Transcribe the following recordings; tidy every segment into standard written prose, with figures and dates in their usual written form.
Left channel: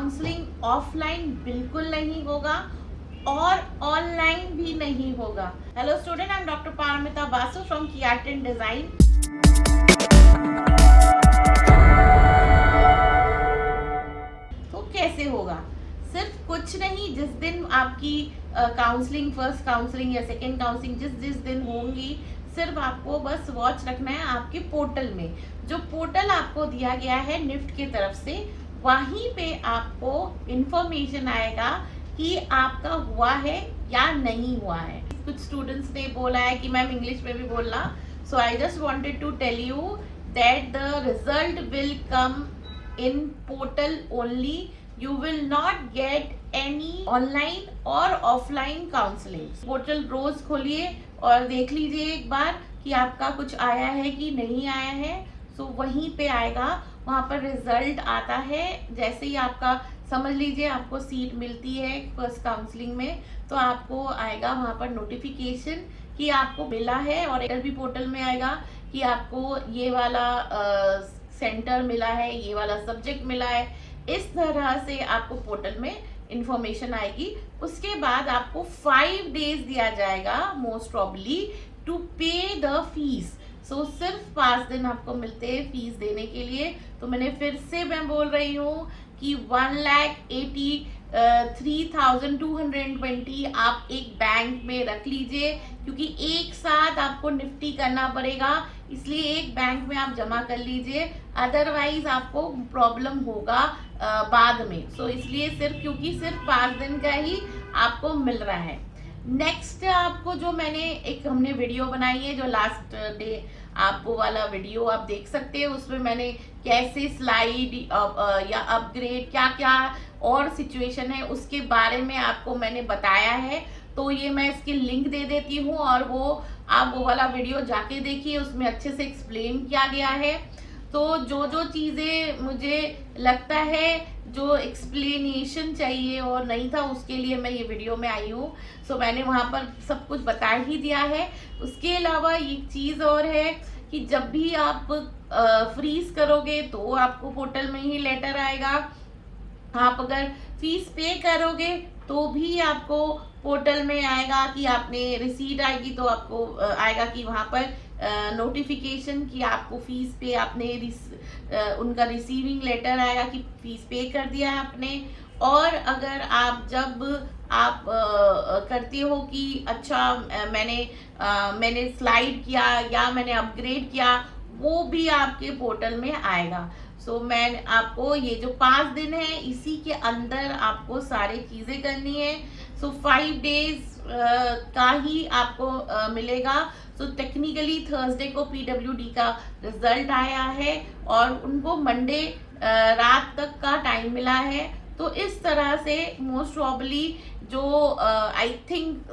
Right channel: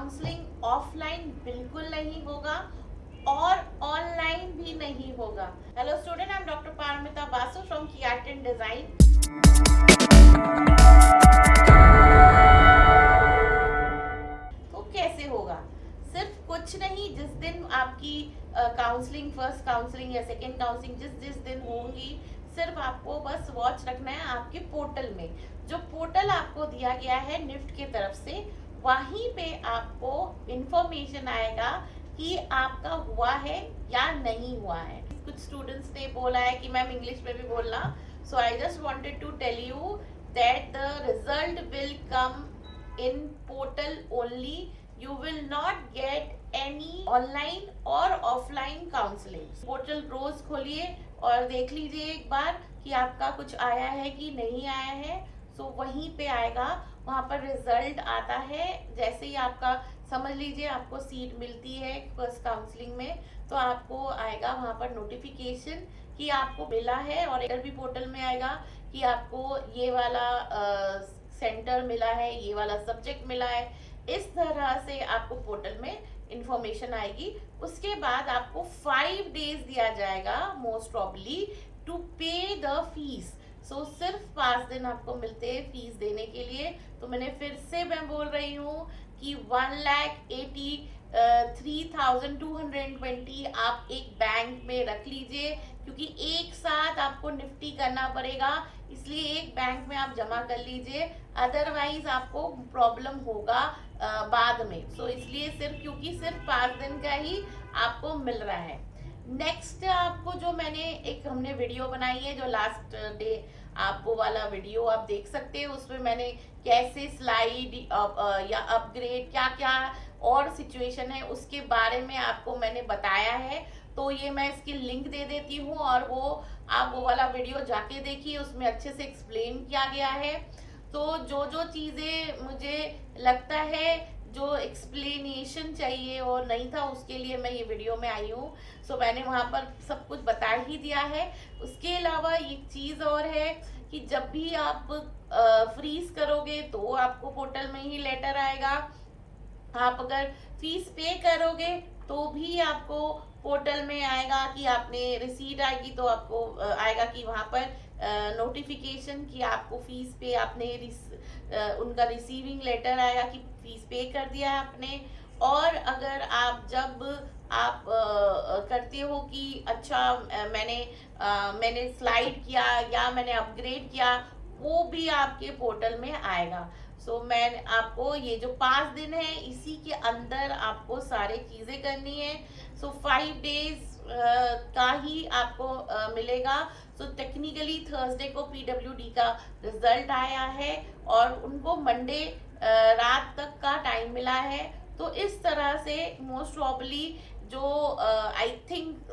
Counselling offline बिल्कुल नहीं होगा और ऑनलाइन भी नहीं होगा। Hello student, I am doctor Paramita Basu from कियाटिन डिजाइन। तो कैसे होगा? सिर्फ कुछ नहीं, जिस दिन आपकी काउंसलिंग, फर्स्ट काउंसलिंग या सेकेंड काउंसलिंग जिस जिस दिन होंगी, सिर्फ आपको बस वॉच रखना है आपके पोर्टल में। जो पोर्टल आपको दिया गया है निफ्ट की तरफ से, वहीं पे आपको इंफॉर्मेशन आएगा कि आपका हुआ है या नहीं हुआ है। कुछ स्टूडेंट्स ने बोला है कि मैम इंग्लिश में भी बोलना, so I just wanted to tell you that the result will come in portal only. You will not get any online or offline counseling. Portal रोज खोलिए और देख लीजिए एक बार कि आपका कुछ आया है कि नहीं आया है। सो वहीं पे आएगा, वहां पर रिजल्ट आता है। जैसे ही आपका समझ लीजिए आपको सीट मिलती है फर्स्ट काउंसलिंग में, तो आपको आएगा वहां पर नोटिफिकेशन कि आपको मिला है, और भी पोर्टल में आएगा कि आपको ये वाला सेंटर मिला है, ये वाला सब्जेक्ट मिला है। इस तरह से आपको पोर्टल में इंफॉर्मेशन आएगी। उसके बाद आपको 5 डेज दिया जाएगा मोस्ट प्रॉब्ली टू पे द फीस। सो सिर्फ 5 दिन आपको मिलते हैं फीस देने के लिए। तो मैंने फिर से मैं बोल रही हूँ कि 1,83,220 आप एक बैंक में रख लीजिए, क्योंकि एक साथ आपको निफ्टी करना पड़ेगा, इसलिए एक बैंक में आप जमा कर लीजिए, अदरवाइज आपको प्रॉब्लम होगा बाद में। सो इसलिए क्योंकि सिर्फ 5 दिन का ही आपको मिल रहा है। नेक्स्ट आपको जो हमने वीडियो बनाई है, जो लास्ट डे आप वो वाला वीडियो आप देख सकते हैं। उसमें मैंने कैसे स्लाइड या अपग्रेड क्या क्या और सिचुएशन है उसके बारे में आपको मैंने बताया है। तो ये मैं इसकी लिंक दे देती हूँ, और आप वो वाला वीडियो जाके देखिए, उसमें अच्छे से एक्सप्लेन किया गया है। तो जो जो चीज़ें मुझे लगता है जो एक्सप्लेनेशन चाहिए और नहीं था, उसके लिए मैं ये वीडियो में आई हूँ। सो मैंने वहाँ पर सब कुछ बता ही दिया है। उसके अलावा एक चीज़ और है कि जब भी आप फ्रीज करोगे तो आपको पोर्टल में ही लेटर आएगा। आप अगर फीस पे करोगे तो भी आपको पोर्टल में आएगा कि आपने रिसीट आएगी, तो आपको आएगा कि वहाँ पर नोटिफिकेशन कि आपको फीस पे आपने उनका रिसीविंग लेटर आएगा कि फीस पे कर दिया है आपने। और अगर आप जब आप करते हो कि अच्छा मैंने स्लाइड किया या मैंने अपग्रेड किया, वो भी आपके पोर्टल में आएगा। सो मैं आपको ये जो 5 दिन है, इसी के अंदर आपको सारी चीजें करनी है। सो 5 डेज का ही आपको मिलेगा। सो टेक्निकली थर्सडे को पीडब्ल्यूडी का रिजल्ट आया है और उनको मंडे रात तक का टाइम मिला है। तो इस तरह से मोस्ट प्रॉब्ली जो आई थिंक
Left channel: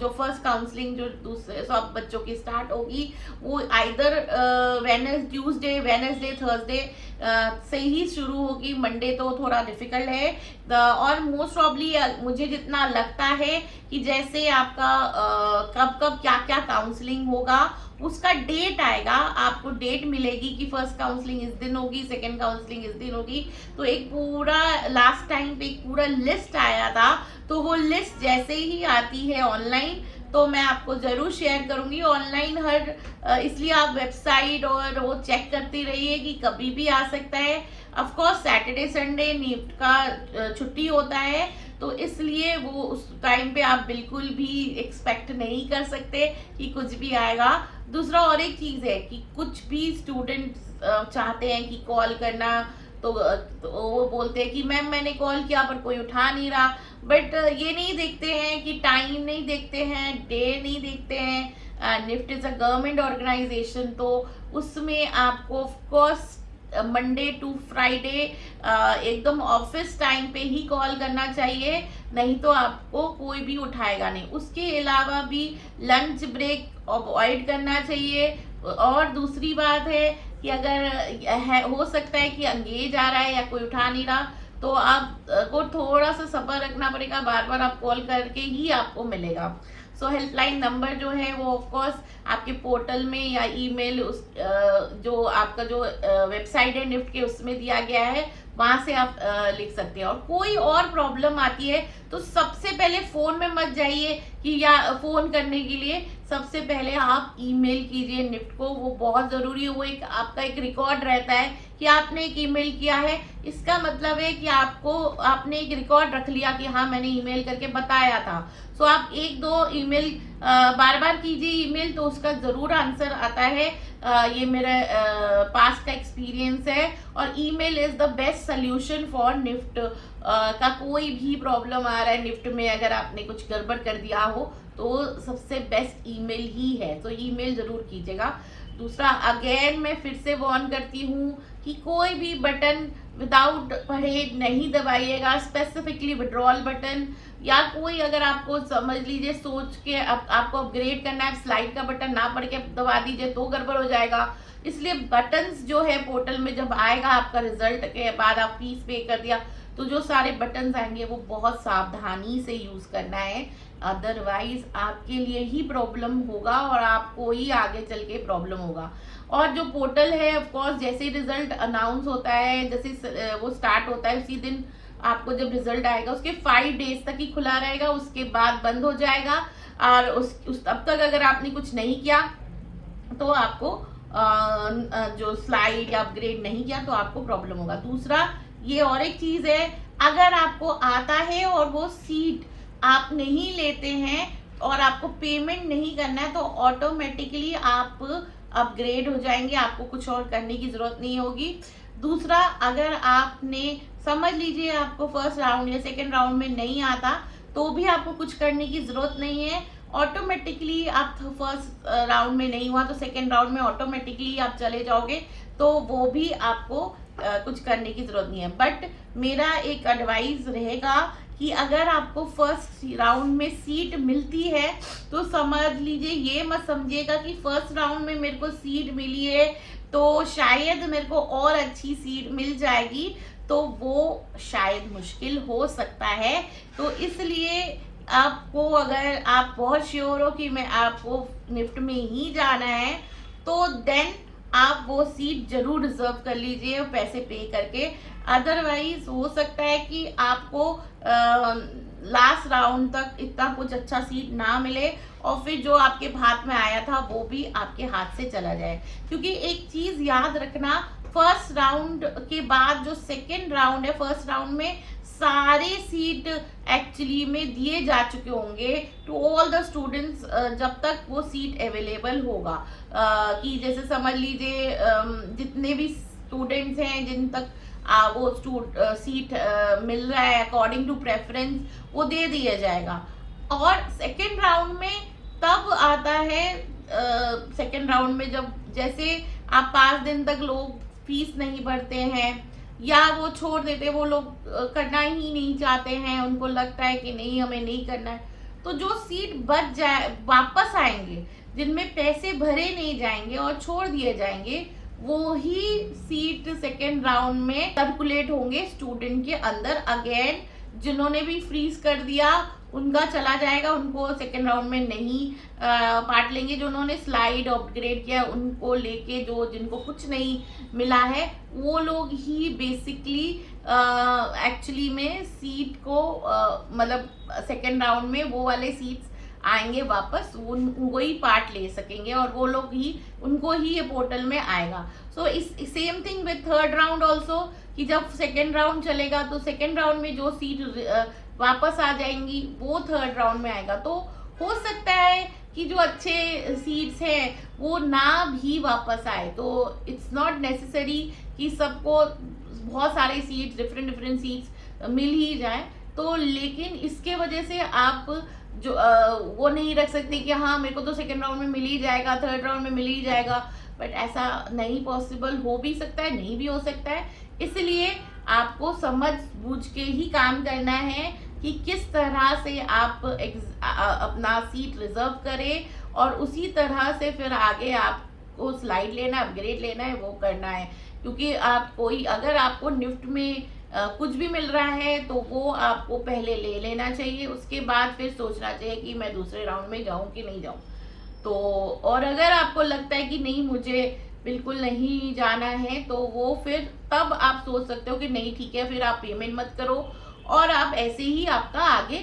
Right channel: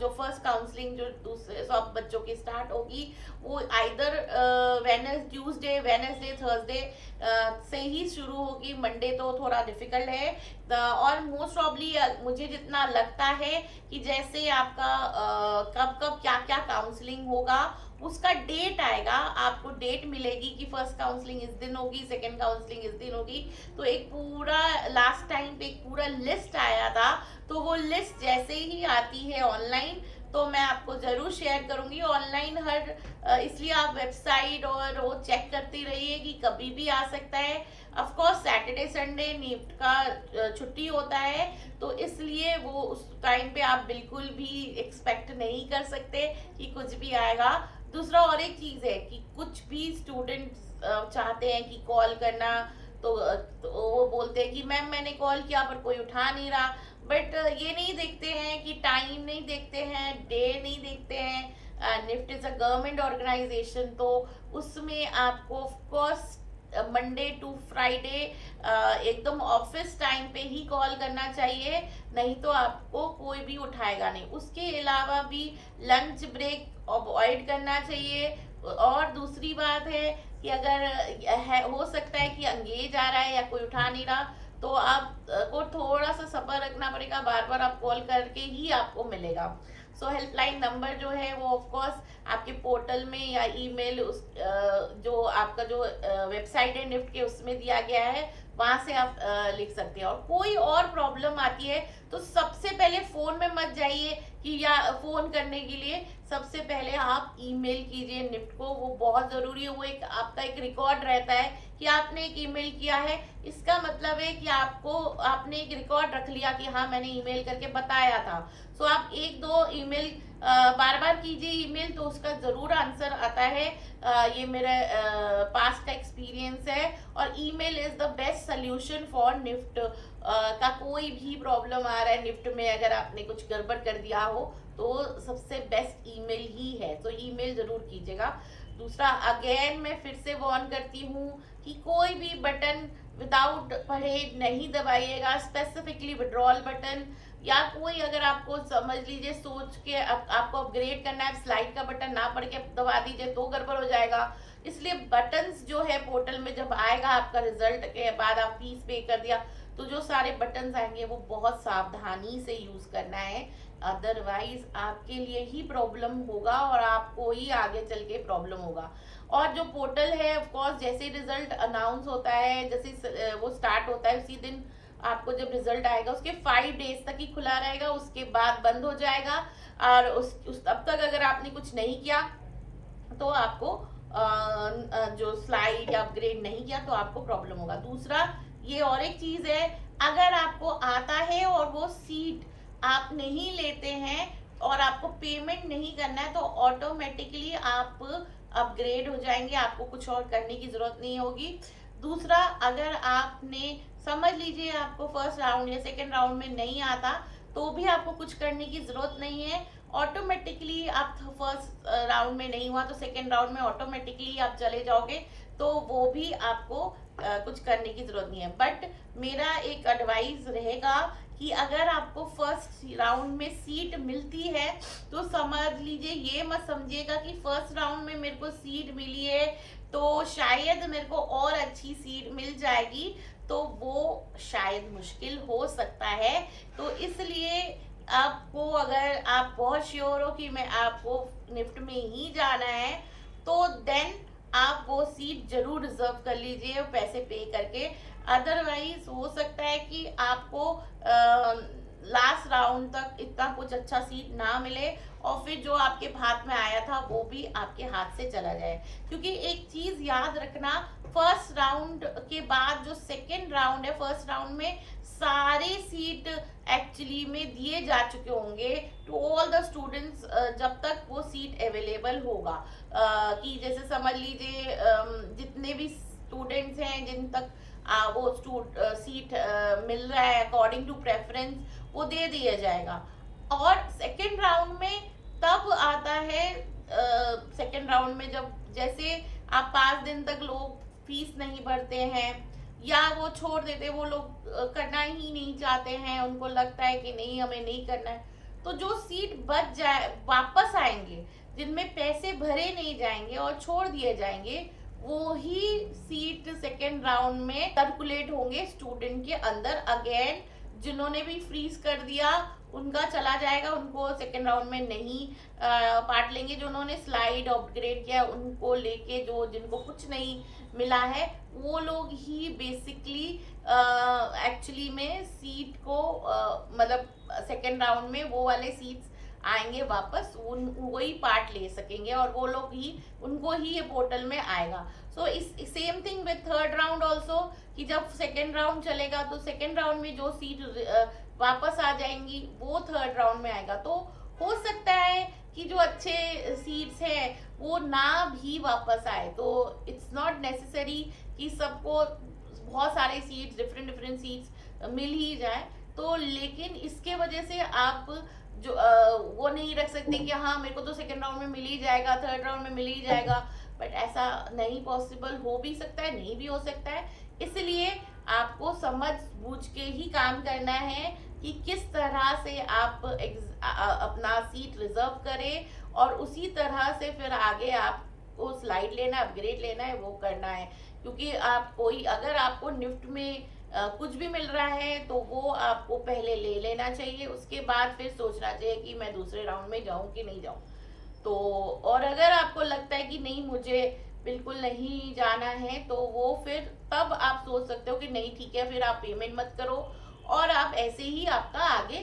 जो फर्स्ट काउंसलिंग जो दूसरे सब बच्चों की स्टार्ट होगी, वो आइदर ट्यूसडे, वेडनेसडे, थर्सडे से ही शुरू होगी। मंडे तो थोड़ा डिफिकल्ट है। और मोस्ट प्रॉब्ली मुझे जितना लगता है कि जैसे आपका कब कब क्या क्या काउंसलिंग होगा, उसका डेट आएगा, आपको डेट मिलेगी कि फर्स्ट काउंसलिंग इस दिन होगी, सेकेंड काउंसलिंग इस दिन होगी। तो एक पूरा लास्ट टाइम पे एक पूरा लिस्ट आया था, तो वो लिस्ट जैसे ही आती है ऑनलाइन तो मैं आपको जरूर शेयर करूंगी ऑनलाइन इसलिए आप वेबसाइट और वो चेक करती रहिए कि कभी भी आ सकता है। Of course Saturday Sunday NIFT का छुट्टी होता है, तो इसलिए वो उस टाइम पे आप बिल्कुल भी एक्सपेक्ट नहीं कर सकते कि कुछ भी आएगा। दूसरा और एक चीज है कि कुछ भी स्टूडेंट चाहते हैं कि कॉल करना, तो वो बोलते हैं कि मैम मैंने कॉल किया पर कोई उठा नहीं रहा। बट ये नहीं देखते हैं कि टाइम नहीं देखते हैं, डे नहीं देखते हैं। NIFT is a government organisation, तो उसमें आपको of course Monday to Friday एकदम ऑफिस टाइम पे ही कॉल करना चाहिए, नहीं तो आपको कोई भी उठाएगा नहीं। उसके अलावा भी लंच ब्रेक अवॉइड करना चाहिए। और दूसरी बात है कि अगर हो सकता है कि एंगेज आ रहा है या कोई उठा नहीं रहा, तो आपको थोड़ा सा सब्र रखना पड़ेगा, बार बार आप कॉल करके ही आपको मिलेगा। सो हेल्पलाइन नंबर जो है वो ऑफ कोर्स आपके पोर्टल में या ईमेल जो आपका जो वेबसाइट है निफ्ट के उसमें दिया गया है। वहां से आप लिख सकते हैं। और कोई और प्रॉब्लम आती है तो सबसे पहले फोन में मत जाइए कि या फोन करने के लिए, सबसे पहले आप ईमेल कीजिए निफ्ट को, वो बहुत जरूरी है। वो एक आपका एक रिकॉर्ड रहता है कि आपने एक ईमेल किया है, इसका मतलब है कि आपने एक रिकॉर्ड रख लिया कि हाँ मैंने ईमेल करके बताया था। सो आप एक दो ईमेल बार बार कीजिए ईमेल, तो उसका जरूर आंसर आता है। ये मेरा पास्ट का एक्सपीरियंस है। और email is the best solution for NIFT का कोई भी प्रॉब्लम आ रहा है निफ्ट में, अगर आपने कुछ गड़बड़ कर दिया हो तो सबसे बेस्ट ईमेल ही है। तो ईमेल जरूर कीजिएगा। दूसरा, अगेन मैं फिर से वार्न करती हूँ कि कोई भी बटन विदाउट पढ़े नहीं दबाइएगा, स्पेसिफिकली विड्रॉल बटन या कोई, अगर आपको समझ लीजिए सोच के आपको अपग्रेड करना है, स्लाइड का बटन ना पढ़ के दबा दीजिए तो गड़बड़ हो जाएगा। इसलिए बटन्स जो है पोर्टल में जब आएगा आपका रिजल्ट के बाद, आप फीस पे कर दिया तो जो सारे बटन्स आएंगे वो बहुत सावधानी से यूज करना है, अदरवाइज आपके लिए ही प्रॉब्लम होगा और आपको ही आगे चल के प्रॉब्लम होगा। और जो पोर्टल है ऑफ कोर्स जैसे ही रिजल्ट अनाउंस होता है, जैसे वो स्टार्ट होता है, उसी दिन आपको जब रिजल्ट आएगा उसके 5 डेज तक ही खुला रहेगा, उसके बाद बंद हो जाएगा। और तब तक अगर आपने कुछ नहीं किया तो आपको जो स्लाइड या अपग्रेड नहीं किया तो आपको प्रॉब्लम होगा। दूसरा, ये और एक चीज है, अगर आपको आता है और वो सीट आप नहीं लेते हैं और आपको पेमेंट नहीं करना है तो ऑटोमेटिकली आप अपग्रेड हो जाएंगे, आपको कुछ और करने की जरूरत नहीं होगी। दूसरा, अगर आपने समझ लीजिए आपको फर्स्ट राउंड या सेकेंड राउंड में नहीं आता तो भी आपको कुछ करने की जरूरत नहीं है, ऑटोमेटिकली आप फर्स्ट राउंड में नहीं हुआ तो सेकेंड राउंड में ऑटोमेटिकली आप चले जाओगे, तो वो भी आपको कुछ करने की जरूरत नहीं है। बट मेरा एक एडवाइस रहेगा कि अगर आपको फर्स्ट राउंड में सीट मिलती है तो समझ लीजिए, ये मत समझिएगा कि फर्स्ट राउंड में मेरे को सीट मिली है तो शायद मेरे को और अच्छी सीट मिल जाएगी, तो वो शायद मुश्किल हो सकता है। तो इसलिए आपको, अगर आप बहुत श्योर हो कि मैं आपको निफ्ट में ही जाना है तो देन आप वो सीट जरूर रिजर्व कर लीजिए पैसे पे करके। अदरवाइज हो सकता है कि आपको लास्ट राउंड तक इतना कुछ अच्छा सीट ना मिले और फिर जो आपके हाथ में आया था वो भी आपके हाथ से चला जाए। क्योंकि एक चीज याद रखना, फर्स्ट राउंड के बाद जो सेकेंड राउंड है, फर्स्ट राउंड में सारे सीट एक्चुअली में दिए जा चुके होंगे टू ऑल द स्टूडेंट्स, जब तक वो सीट अवेलेबल होगा। कि जैसे समझ लीजिए जितने भी स्टूडेंट्स हैं जिन तक वो सीट मिल रहा है अकॉर्डिंग टू प्रेफरेंस, वो दे दिया जाएगा। और सेकेंड राउंड में तब आता है, सेकेंड राउंड में जब जैसे आप 5 दिन तक लोग फीस नहीं भरते हैं या वो छोड़ देते, वो लोग करना ही नहीं चाहते हैं, उनको लगता है कि नहीं हमें नहीं करना है, तो जो सीट बच जाए वापस आएंगे, जिनमें पैसे भरे नहीं जाएंगे और छोड़ दिए जाएंगे, वो ही सीट सेकेंड राउंड में सर्कुलेट होंगे स्टूडेंट के अंदर। अगेन जिन्होंने भी फ्रीज कर दिया उनका चला जाएगा, उनको सेकेंड राउंड में नहीं पार्ट लेंगे। जो उन्होंने स्लाइड अपग्रेड किया उनको लेके, जो जिनको कुछ नहीं मिला है वो लोग ही बेसिकली एक्चुअली में सीट को मतलब सेकेंड राउंड में वो वाले सीट्स आएंगे वापस, उनको ही पार्ट ले सकेंगे और वो लोग ही, उनको ही ये पोर्टल में आएगा। सो इस same thing with third round also, कि जब सेकेंड राउंड चलेगा तो सेकेंड राउंड में जो सीट वापस आ जाएंगी वो थर्ड राउंड में आएगा। तो हो सकता है कि जो अच्छे सीट्स हैं वो ना भी वापस आए, तो इट्स नॉट नेसेसरी कि सबको बहुत सारे सीट्स, डिफरेंट सीट्स मिल ही जाए। तो लेकिन इसके वजह से आप जो वो नहीं रख सकते कि हाँ मेरे को तो सेकेंड राउंड में मिल ही जाएगा, थर्ड राउंड में मिल ही जाएगा, बट ऐसा नहीं पॉसिबल, हो भी सकता है नहीं भी हो सकता है। इसलिए आपको समझ बूझ के ही काम करना है कि किस तरह से आप अपना सीट रिजर्व करें और उसी तरह से फिर आगे आपको स्लाइड लेना है, अपग्रेड लेना है, वो करना है। क्योंकि आप कोई, अगर आपको निफ्ट में कुछ भी मिल रहा है तो वो आपको पहले ले लेना चाहिए, उसके बाद फिर सोचना चाहिए कि मैं दूसरे राउंड में जाऊं कि नहीं जाऊं। तो और अगर आपको लगता है कि नहीं मुझे बिल्कुल नहीं जाना है तो वो फिर तब आप सोच सकते हो कि नहीं ठीक है, फिर आप पेमेंट मत करो, और आप ऐसे ही आपका आगे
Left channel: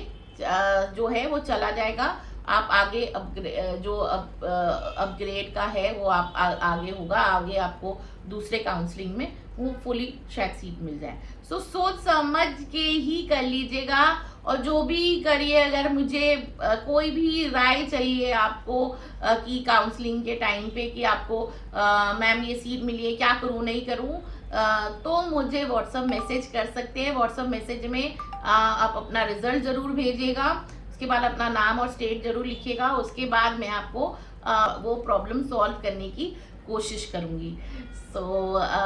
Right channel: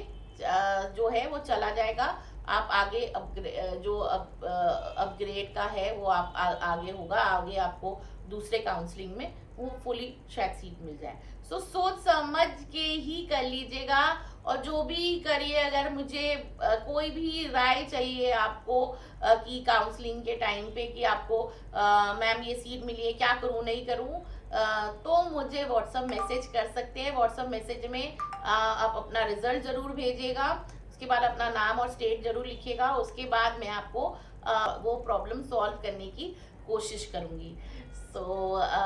जो है वो चला जाएगा। आप आगे अपग्रेड का है वो आप आगे होगा, आगे आपको दूसरे काउंसलिंग में वो फुली शायद सीट मिल जाए। सो सोच समझ के ही कर लीजिएगा। और जो भी करिए, अगर मुझे कोई भी राय चाहिए आपको कि काउंसलिंग के टाइम पे कि आपको मैम ये सीट मिली है, क्या करूँ नहीं करूँ, तो मुझे व्हाट्सअप मैसेज कर सकते हैं। व्हाट्सअप मैसेज में आप अपना रिजल्ट जरूर भेजिएगा, उसके बाद अपना नाम और स्टेट जरूर लिखिएगा, उसके बाद मैं आपको वो प्रॉब्लम सॉल्व करने की कोशिश करूंगी।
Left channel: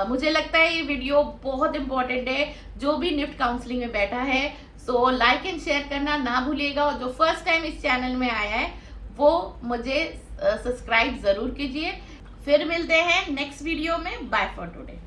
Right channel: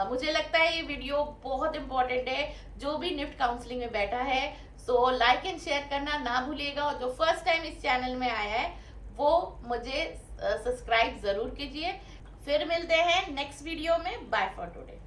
मुझे लगता है ये वीडियो बहुत इंपॉर्टेंट है जो भी निफ्ट काउंसलिंग में बैठा है। सो लाइक एंड शेयर करना ना भूलिएगा, और जो फर्स्ट टाइम इस चैनल में आया है वो मुझे सब्सक्राइब जरूर कीजिए। फिर मिलते हैं नेक्स्ट वीडियो में। Bye for today.